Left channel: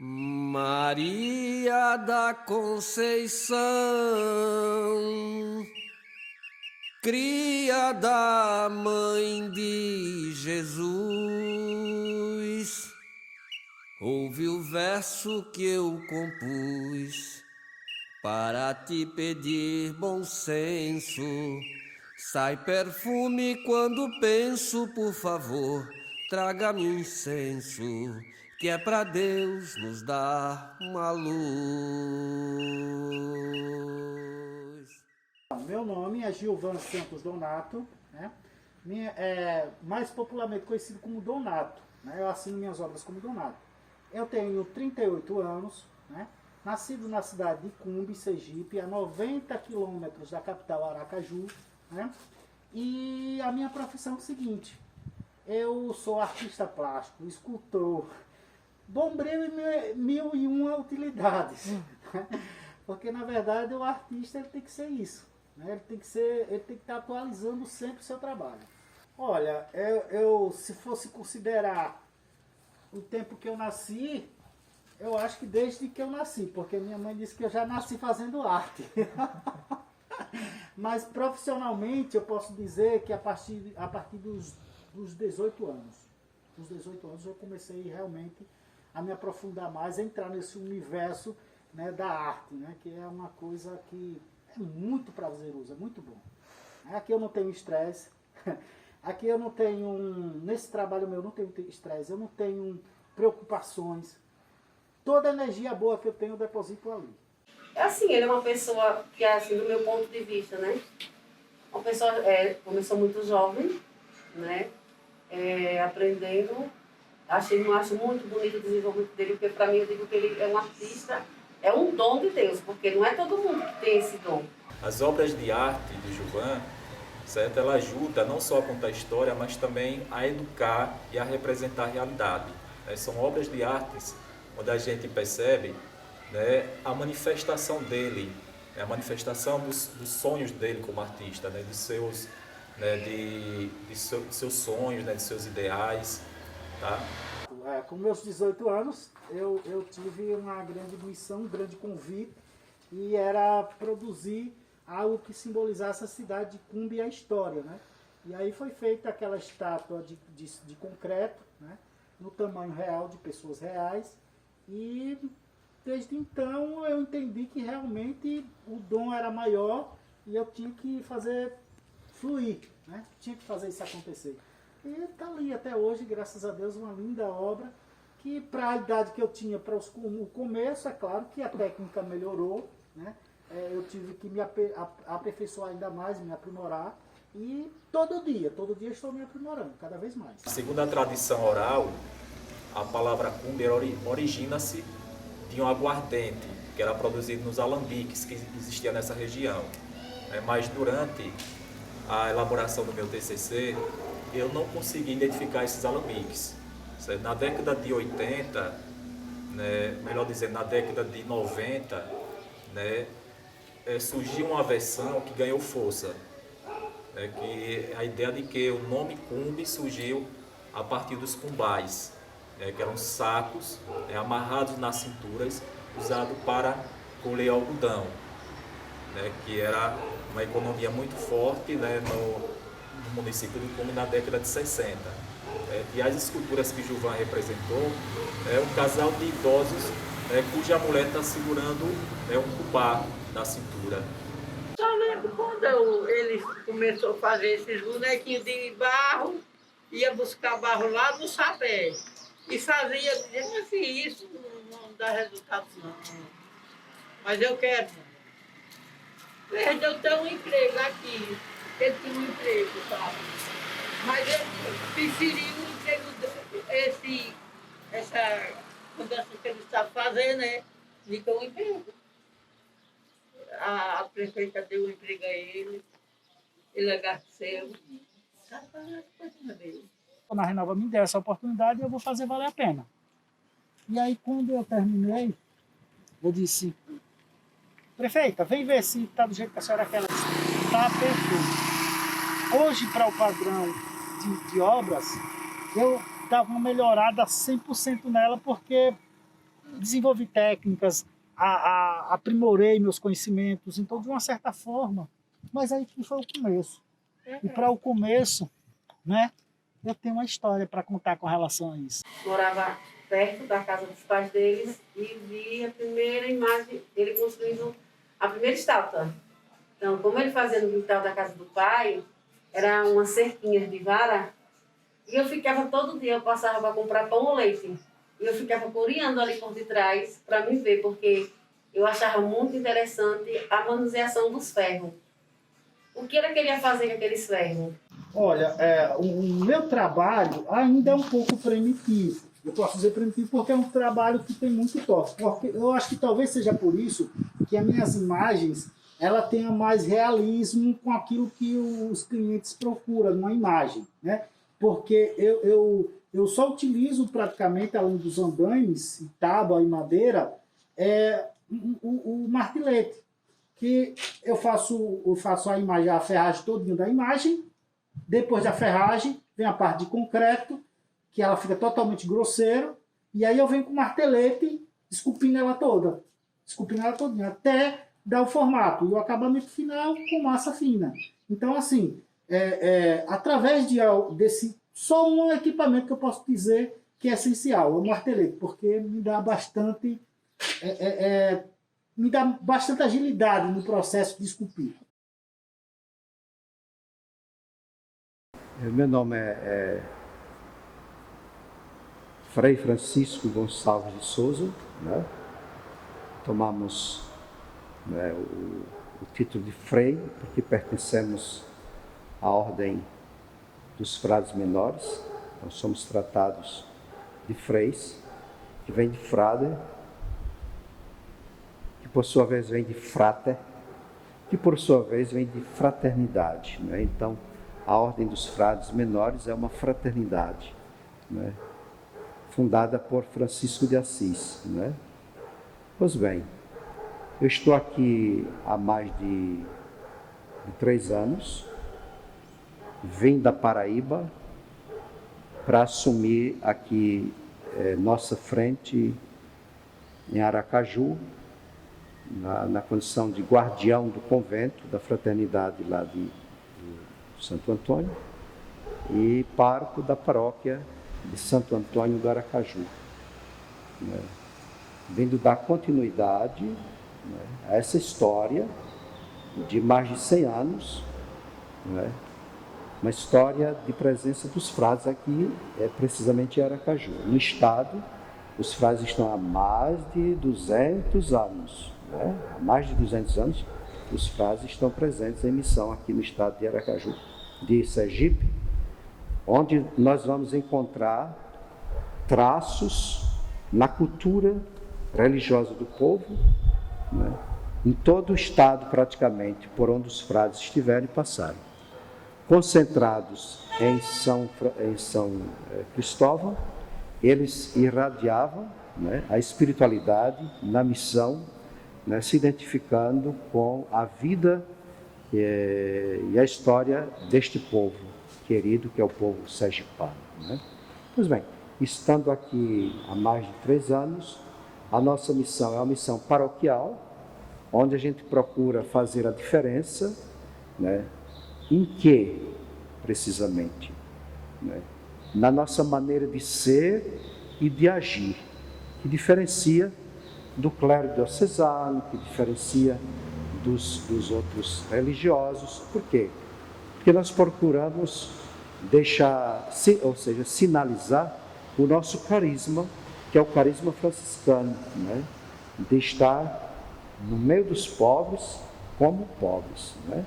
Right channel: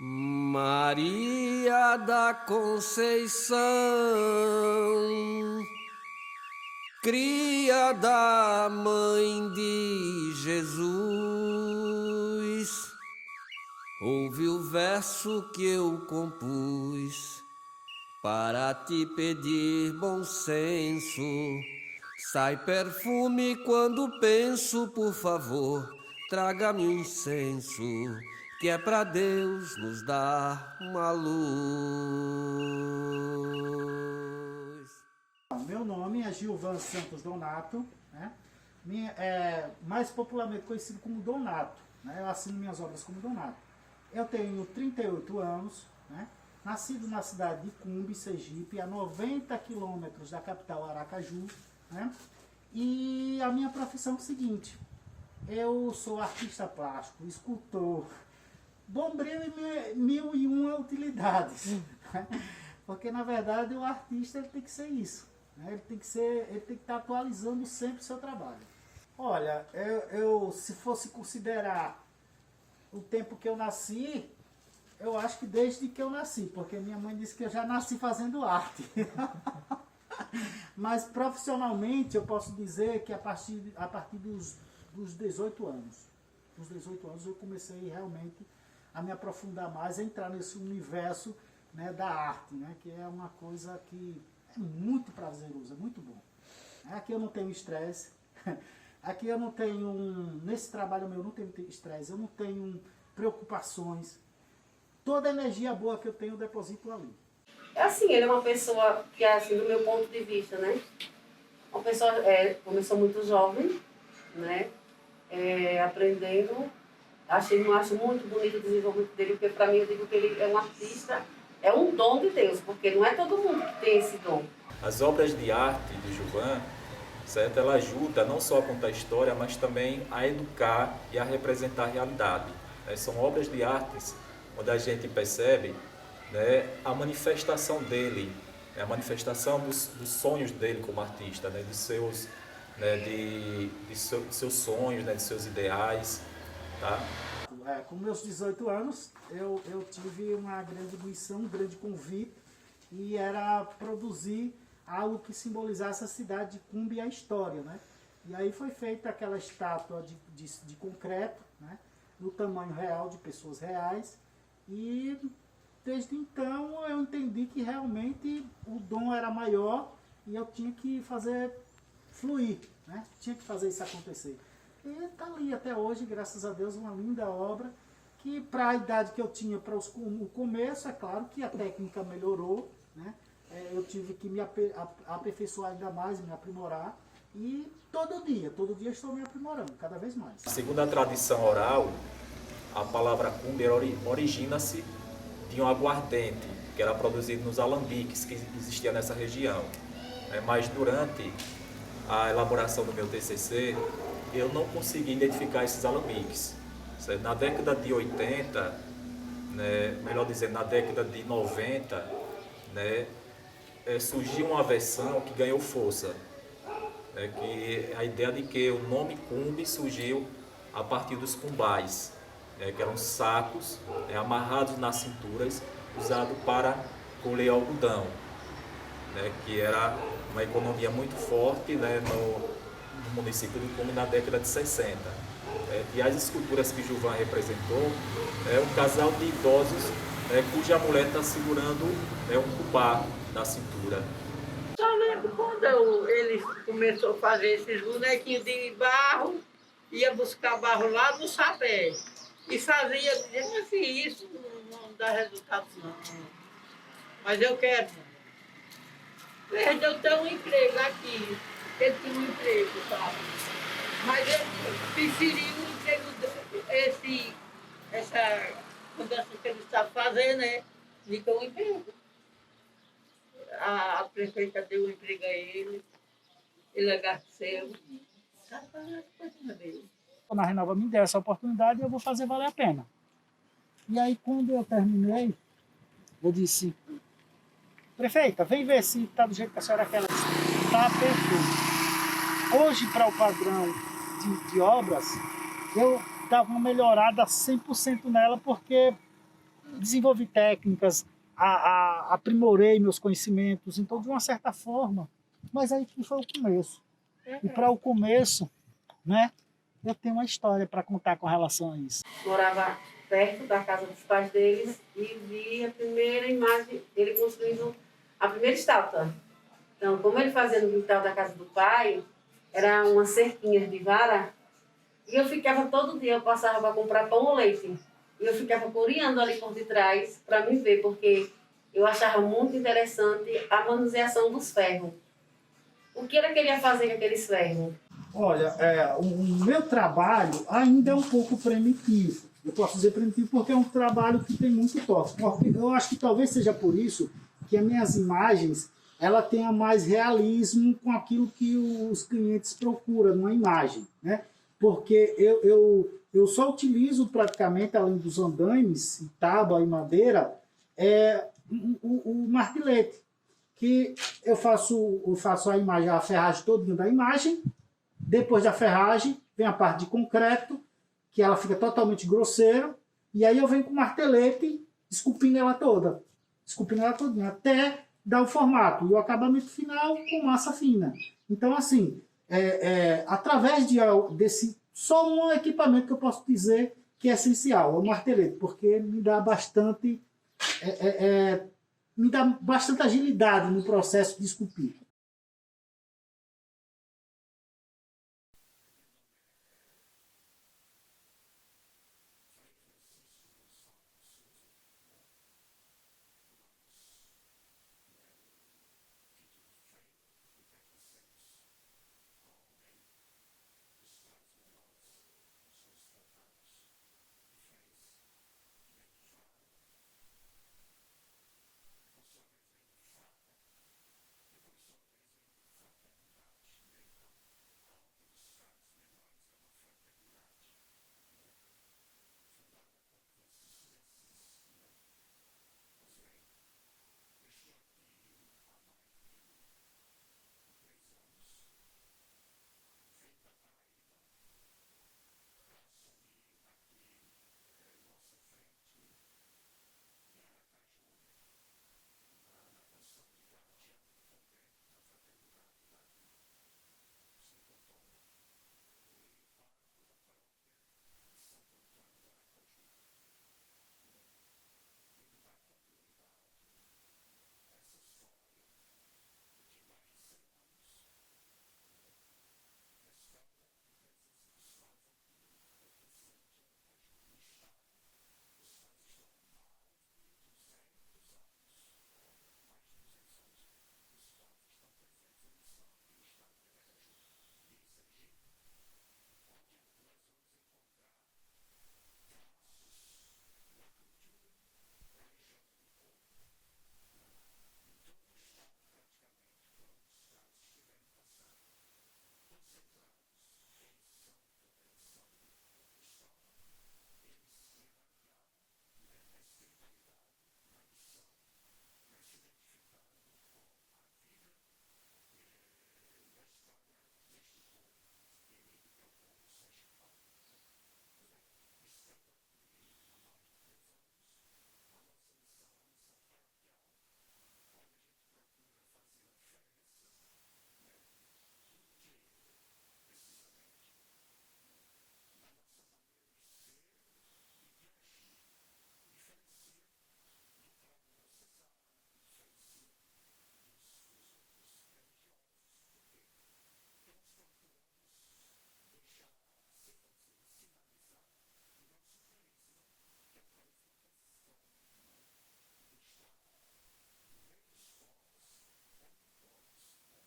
Maria da Conceição, cria da Mãe de Jesus, ouve o verso que eu compus para te pedir bom senso. Sai perfume quando penso, por favor, traga-me um incenso, que é pra Deus nos dar uma luz. Meu nome é Gilvan Santos Donato, né? Mais popularmente conhecido como Donato, né? Eu assino minhas obras como Donato. Eu tenho 38 anos, né? Nascido na cidade de Cumbe, Sergipe, a 90 quilômetros da capital Aracaju, né? E a minha profissão é o seguinte: eu sou artista plástico, escultor, bombril e mil e uma utilidades. Porque na verdade o artista ele tem que ser isso, né? Ele tem que estar atualizando sempre o seu trabalho. Olha, eu se fosse considerar o tempo que eu nasci, eu acho que desde que eu nasci, porque minha mãe disse que eu já nasci fazendo arte. Mas profissionalmente eu posso dizer que a partir dos 18 anos. Dos 18 anos eu comecei realmente a me aprofundar mais, a entrar nesse universo, né, da arte, né, que é uma coisa que é muito prazeroso, é muito bom. Aqui eu não tenho estresse, aqui eu não tenho, nesse trabalho meu eu não tenho estresse, eu não tenho preocupações. Toda a energia boa que eu tenho eu deposito ali. É assim, ele é uma pessoa que, assim, do meu ponto de vista, né? Uma pessoa, começou muito jovem, né? Aprendendo. Acho muito bonito o desenvolvimento dele, porque para mim eu digo que ele é um artista, é um dom de Deus, porque não é todo mundo que tem esse dom. As obras de arte de Gilvan, certo? Ela ajuda não só a contar história, mas também a educar e a representar a realidade. Né? São obras de artes onde a gente percebe, né, a manifestação dele, a manifestação dos sonhos dele como artista, né, de seus sonhos, né, de seus ideais. Tá? Com meus 18 anos, eu tive uma grande missão, um grande convite, e era produzir algo que simbolizasse a cidade de Cumbe e a história, né? E aí foi feita aquela estátua de concreto, né? No tamanho real, de pessoas reais, e desde então eu entendi que realmente o dom era maior e eu tinha que fazer fluir, né? Tinha que fazer isso acontecer. E está ali até hoje, graças a Deus, uma linda obra, que para a idade que eu tinha, para o começo, é claro que a técnica melhorou, né? Eu tive que me aperfeiçoar ainda mais, me aprimorar, e todo dia estou me aprimorando, cada vez mais. Segundo a tradição oral, a palavra cumbe origina-se de um aguardente, que era produzido nos alambiques que existia nessa região. Mas durante a elaboração do meu TCC, eu não consegui identificar esses alambiques. Na década de 80, né, melhor dizendo, na década de 90, né, surgiu uma versão que ganhou força. Que a ideia de que o nome cumbe surgiu a partir dos cumbais, que eram sacos amarrados nas cinturas, usados para colher algodão, que era uma economia muito forte, né, no município de Cumbe na década de 60. E as esculturas que Gilvan representou é um casal de idosos cuja mulher está segurando um cubá na cintura. Só lembro quando ele começou a fazer esses bonequinhos de barro, ia buscar barro lá no sapé e fazia, dizendo assim, isso não dá resultado não. Mas eu quero. Desde eu ter um emprego aqui, ele tinha um emprego, sabe? Mas ele preferiu o emprego, essa mudança que ele está fazendo, né? De ter um emprego. A prefeita deu um emprego a ele agradeceu. Está fazendo as coisas dele. Quando a Renova me der essa oportunidade, eu vou fazer valer a pena. E aí, quando eu terminei, eu disse: prefeita, vem ver se está do jeito que a senhora quer. Está perfeito. Hoje, para o padrão de obras, eu dava uma melhorada 100% nela, porque desenvolvi técnicas, aprimorei meus conhecimentos, então de uma certa forma, mas aí que foi o começo. E para o começo, né, eu tenho uma história para contar com relação a isso. Morava perto da casa dos pais deles e vi a primeira imagem, ele construindo a primeira estátua. Então, como ele fazia no quintal da casa do pai, era umas cerquinhas de vara, e eu ficava todo dia, eu passava para comprar pão ou leite, e eu ficava coreando ali por detrás para me ver, porque eu achava muito interessante a manuseação dos ferros. O que ele queria fazer com aqueles ferros? Olha, o meu trabalho ainda é um pouco primitivo. Eu posso dizer primitivo porque é um trabalho que tem muito toque. Porque eu acho que talvez seja por isso que as minhas imagens ela tenha mais realismo com aquilo que os clientes procuram numa imagem, né? Porque eu só utilizo praticamente, além dos andaimes, tábua e madeira, o martelete, que eu faço a imagem, a ferragem toda da imagem. Depois da ferragem, vem a parte de concreto, que ela fica totalmente grosseira, e aí eu venho com o martelete, esculpindo ela toda, até dar o formato, e o acabamento final com massa fina. Então, assim, através desse, só um equipamento que eu posso dizer que é essencial, é o martelete, porque me dá bastante agilidade no processo de esculpir. Meu nome é Frei Francisco Gonçalves de Souza, né? Tomamos, né, o título de Frei porque pertencemos à ordem dos frades menores. Nós somos tratados de freis, que vem de frade, que por sua vez vem de frater, que por sua vez vem de fraternidade, né? Então, a ordem dos frades menores é uma fraternidade, né, fundada por Francisco de Assis, né? Pois bem, eu estou aqui há mais de 3 anos, vim da Paraíba para assumir aqui nossa frente em Aracaju, na condição de guardião do convento, da fraternidade lá de Santo Antônio, e pároco da paróquia de Santo Antônio do Aracaju, né? Vindo dar continuidade, né, a essa história de mais de 100 anos, né, uma história de presença dos frades aqui, precisamente em Aracaju. No estado, os frades estão há mais de 200 anos, né? Há mais de 200 anos, os frades estão presentes em missão aqui no estado de Aracaju, de Sergipe, onde nós vamos encontrar traços na cultura religiosa do povo, né, em todo o estado praticamente, por onde os frades estiverem e passaram. Concentrados em São Cristóvão, eles irradiavam, né, a espiritualidade na missão, né, se identificando com a vida e a história deste povo querido, que é o povo sergipano, né? Pois bem, estando aqui há mais de 3 anos, a nossa missão é uma missão paroquial, onde a gente procura fazer a diferença, né? Em que, precisamente? Né? Na nossa maneira de ser e de agir, que diferencia do clero diocesano, que diferencia dos outros religiosos. Por quê? Porque nós procuramos sinalizar o nosso carisma, que é o carisma franciscano, né? De estar no meio dos pobres como pobres, né?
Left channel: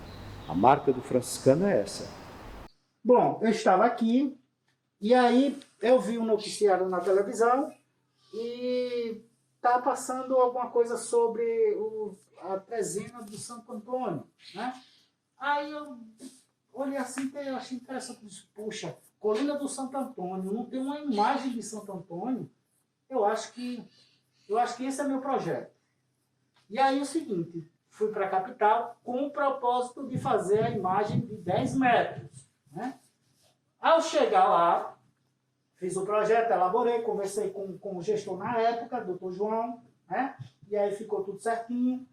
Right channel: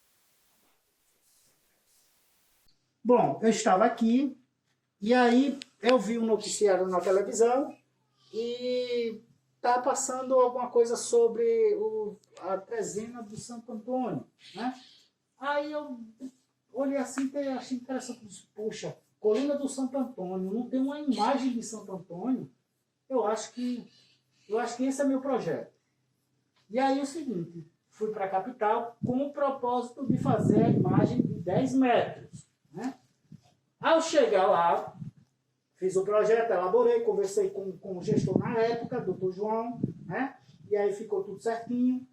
A marca do franciscano é essa. Bom, eu estava aqui e aí eu vi um noticiário na televisão e estava passando alguma coisa sobre a trezena do Santo Antônio, né? Aí eu olhei assim e achei interessante. Disse, puxa, Colina do Santo Antônio, não tem uma imagem de Santo Antônio? Eu acho que esse é meu projeto. E aí o seguinte, fui para a capital com o propósito de fazer a imagem de 10 metros, né? Ao chegar lá, Fiz o projeto, elaborei, conversei com o gestor na época, doutor João, né? E aí ficou tudo certinho.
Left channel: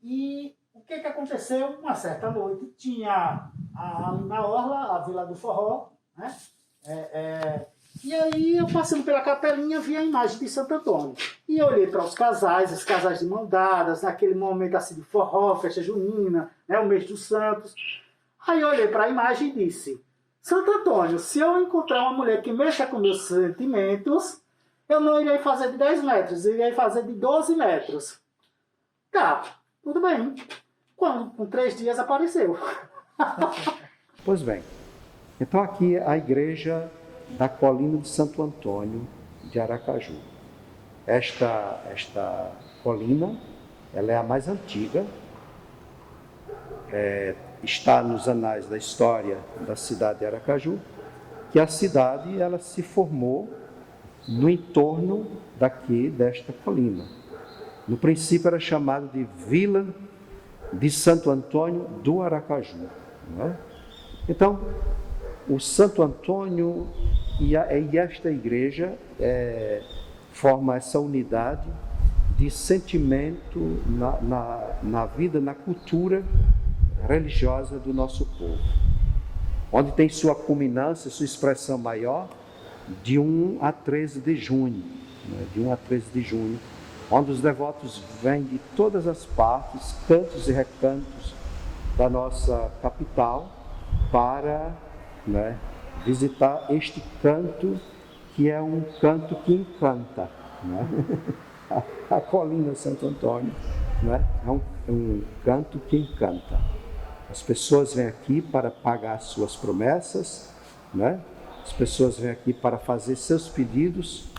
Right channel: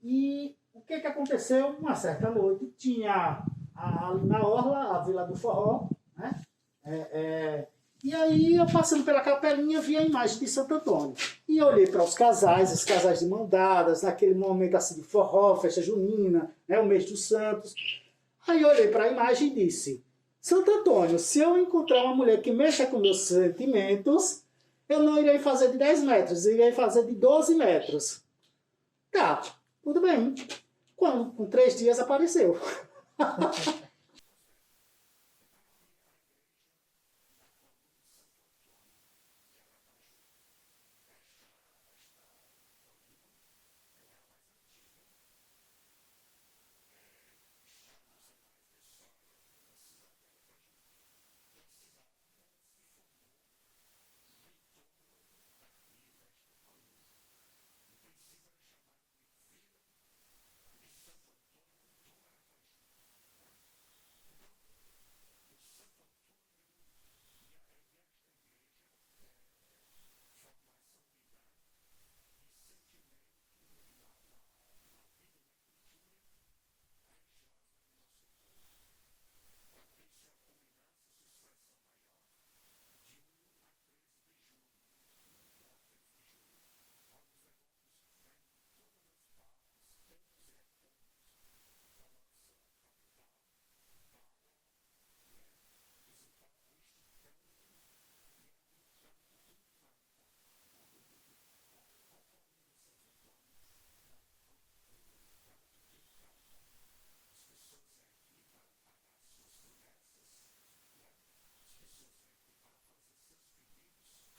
E o que aconteceu? Uma certa noite, tinha ali na orla, a Vila do Forró, né? E aí eu passando pela capelinha, vi a imagem de Santo Antônio. E olhei para os casais de mão dadas, naquele momento assim de forró, festa junina, né? O mês dos santos. Aí eu olhei para a imagem e disse: Santo Antônio, se eu encontrar uma mulher que mexa com meus sentimentos, eu não irei fazer de 10 metros, eu irei fazer de 12 metros. Tá, tudo bem. Quando, com 3 dias, apareceu. Pois bem, então aqui a igreja da colina de Santo Antônio de Aracaju. Esta colina, ela é a mais antiga, está nos anais da história da cidade de Aracaju, que a cidade ela se formou no entorno desta colina. No princípio era chamado de Vila de Santo Antônio do Aracaju. Não é? Então, o Santo Antônio e esta igreja forma essa unidade de sentimento na vida, na cultura religiosa do nosso povo, onde tem sua culminância, sua expressão maior, de 1 a 13 de junho, né? De 1 a 13 de junho, onde os devotos vêm de todas as partes, cantos e recantos da nossa capital, para, né, visitar este canto, que é um canto que encanta, né? A colina Santo Antônio, né? É um canto que encanta. As pessoas vêm aqui para pagar suas promessas, né? As pessoas vêm aqui para fazer seus pedidos,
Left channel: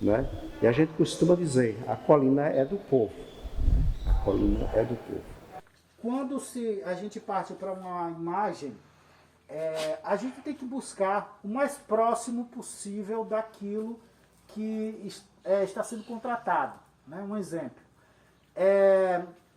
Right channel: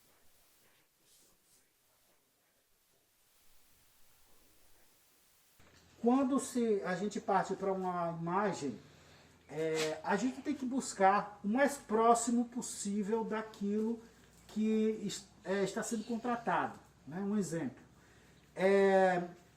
né? E a gente costuma dizer, a colina é do povo, né? A colina é do povo. Quando a gente parte para uma imagem, a gente tem que buscar o mais próximo possível daquilo que está sendo contratado, né? Um exemplo.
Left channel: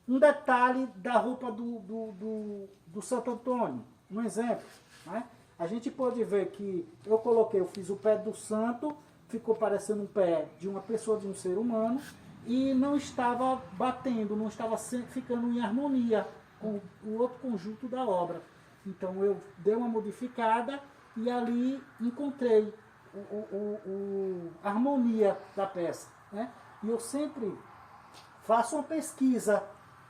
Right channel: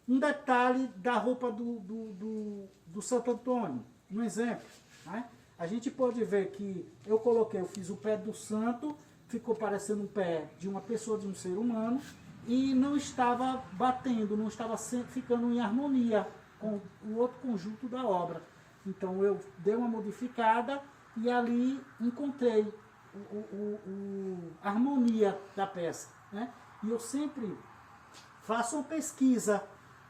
Um detalhe da roupa do Santo Antônio, um exemplo, né? A gente pode ver que eu fiz o pé do santo, ficou parecendo um pé de uma pessoa, de um ser humano, e não estava batendo, não estava ficando em harmonia com o outro conjunto da obra. Então eu dei uma modificada e ali encontrei a harmonia da peça, né? E eu sempre faço uma pesquisa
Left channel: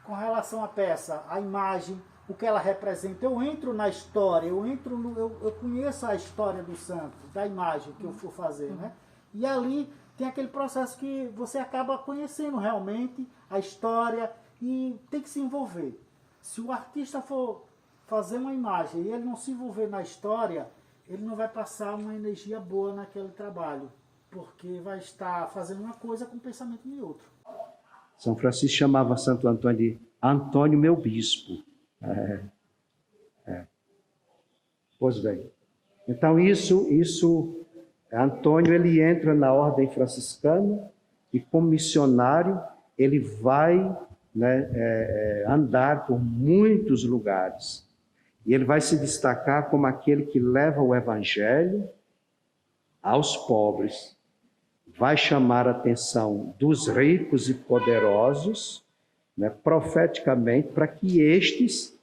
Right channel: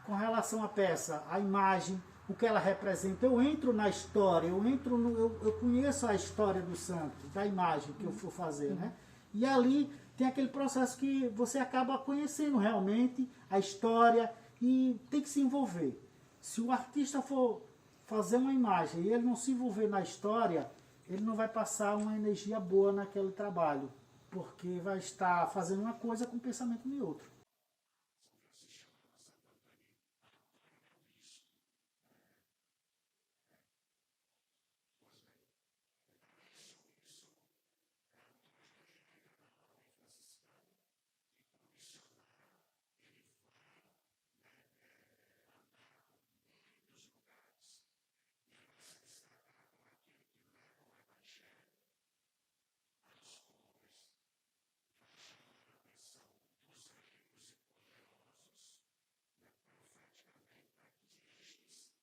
com relação à peça, à imagem, o que ela representa. Eu entro na história, eu conheço a história do santo, da imagem que eu for fazer, né? E ali tem aquele processo que você acaba conhecendo realmente a história e tem que se envolver. Se o artista for fazer uma imagem e ele não se envolver na história, ele não vai passar uma energia boa naquele trabalho, porque vai estar fazendo uma coisa com o pensamento de outro. São Francisco chamava Santo Antônio de Antônio, meu bispo. Pois bem. Então Antônio ele entra na ordem franciscana e como missionário ele vai, né, andar por muitos lugares. E ele vai se destacar como aquele que leva o evangelho aos pobres, vai chamar a atenção dos ricos e poderosos, né, profeticamente, para que estes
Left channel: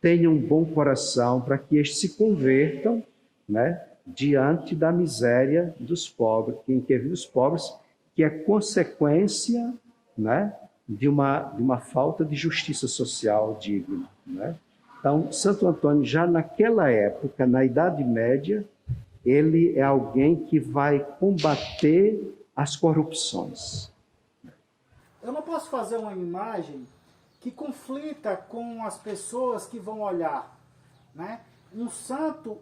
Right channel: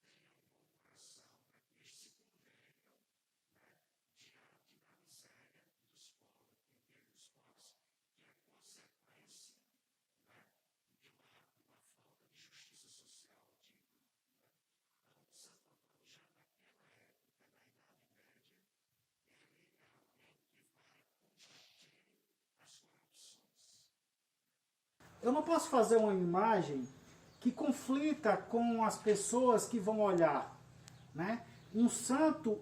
tenham um bom coração, para que estes se convertam, né, diante da miséria dos pobres, dos pobres, que é consequência, né, de uma falta de justiça social digna, né? Então, Santo Antônio, já naquela época, na Idade Média, ele é alguém que vai combater as corrupções. Eu não posso fazer uma imagem que conflita com as pessoas que vão olhar, né? Um santo,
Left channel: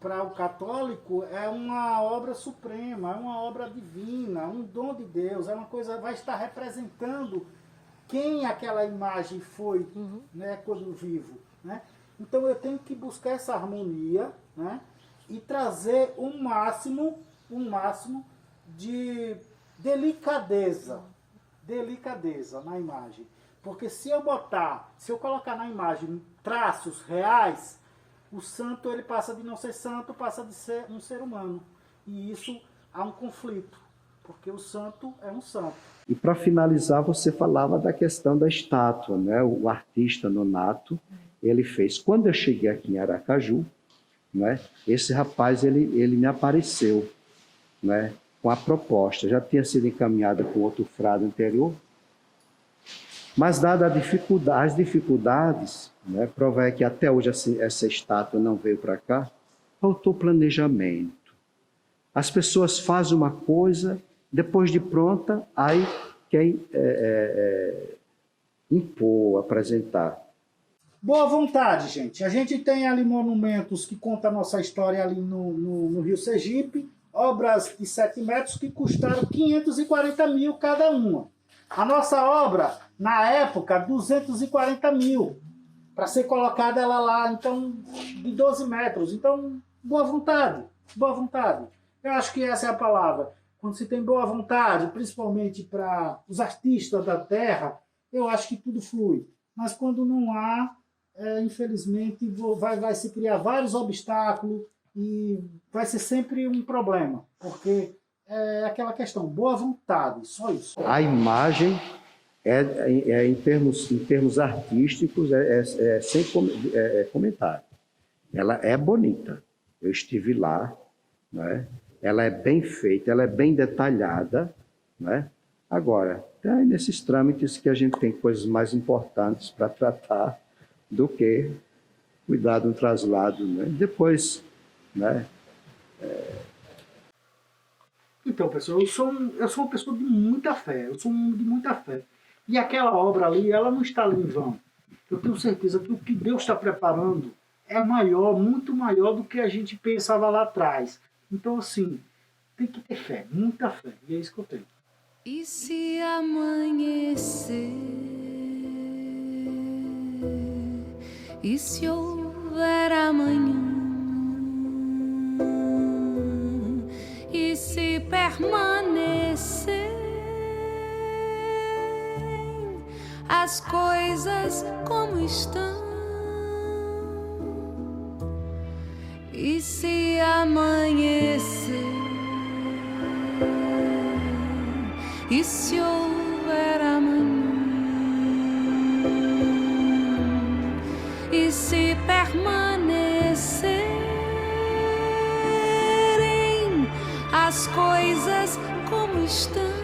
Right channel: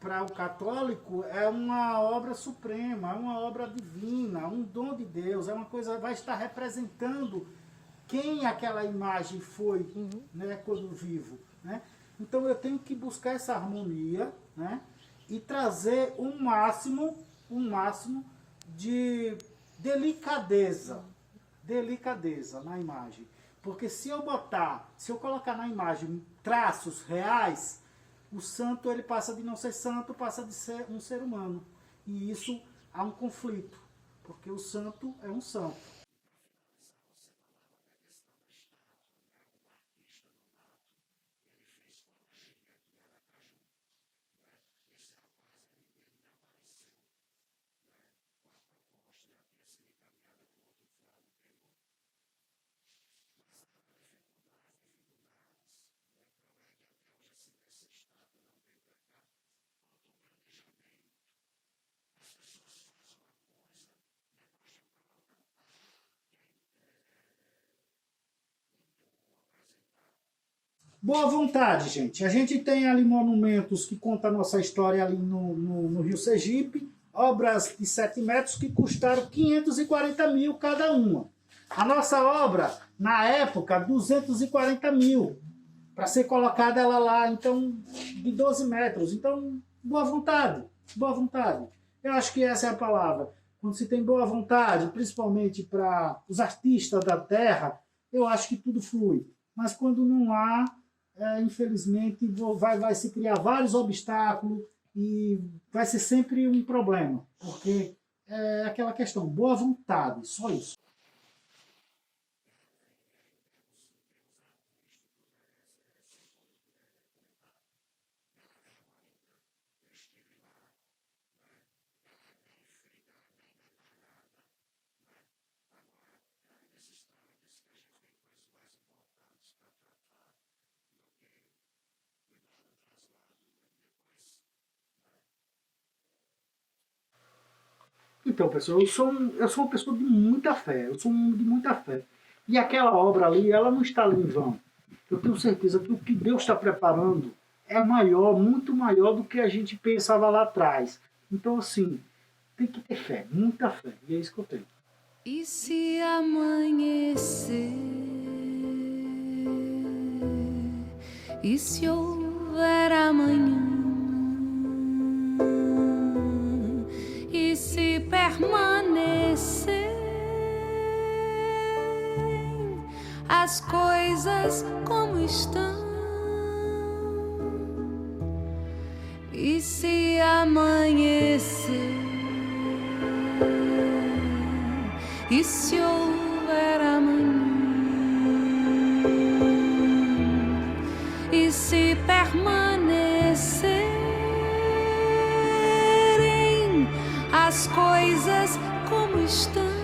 para o católico, é uma obra suprema, é uma obra divina, um dom de Deus, é uma coisa, vai estar representando quem aquela imagem foi, né, quando vivo, né? Então eu tenho que buscar essa harmonia, né, e trazer um máximo de delicadeza na imagem. Porque se eu colocar na imagem traços reais, o santo ele passa de não ser santo, passa de ser um ser humano. E isso há um conflito, porque o santo é um santo. E para finalizar, você falava da questão da estátua, né? O artista Nonato, ele fez. Quando eu cheguei aqui em Aracaju, né? Esse rapaz ele me apareceu, né? Com a proposta. Já tinha sido encaminhada com outro frade anterior, mas dada as dificuldades, né? Prova é que até hoje essa estátua não veio para cá, faltou planejamento. As pessoas fazem uma coisa, depois de pronta, aí quer impor, apresentar. Boa vontade, gente. A gente tem ali monumentos que contam a nossa história ali no Rio Sergipe, obras de 7 metros que custaram 540 mil cada uma. A nossa obra, na época, 240 mil, para ser colocada ela lá, então, de 12 metros. Então, boa vontade, boa vontade. Eu acho que essa é a palavra. Quando se tem boa vontade, principalmente para os artistas da terra, eu acho que tudo flui. Mas quando não há, infelizmente, vai se criar vários obstáculos e vai ser sempre um problema, porque é aquela questão, boa vontade, só isso. A imagem, em termos artísticos, sem comentário. Ela é bonita. Eu estive lá, né? Ela é bem feita, ela é bem detalhada, né? Agora, tem nesses trâmites que a gente tem coisas mais importantes para tratar do que cuidar de um traslado, né? Depois, né? Então, pessoal, eu sou uma pessoa de muita fé, eu sou um de muita fé. E aquela obra ali, ela não está ali em vão. Eu tenho certeza que o que Deus está preparando é maior, muito maior do que a gente pensava lá atrás. Então, assim, tem que ter fé, muita fé. E é isso que eu tenho. E se amanhecer? E se houver amanhã? E se permanecerem as coisas como estão? E se amanhecer? E se houver amanhã? E se permanecerem as coisas como estão?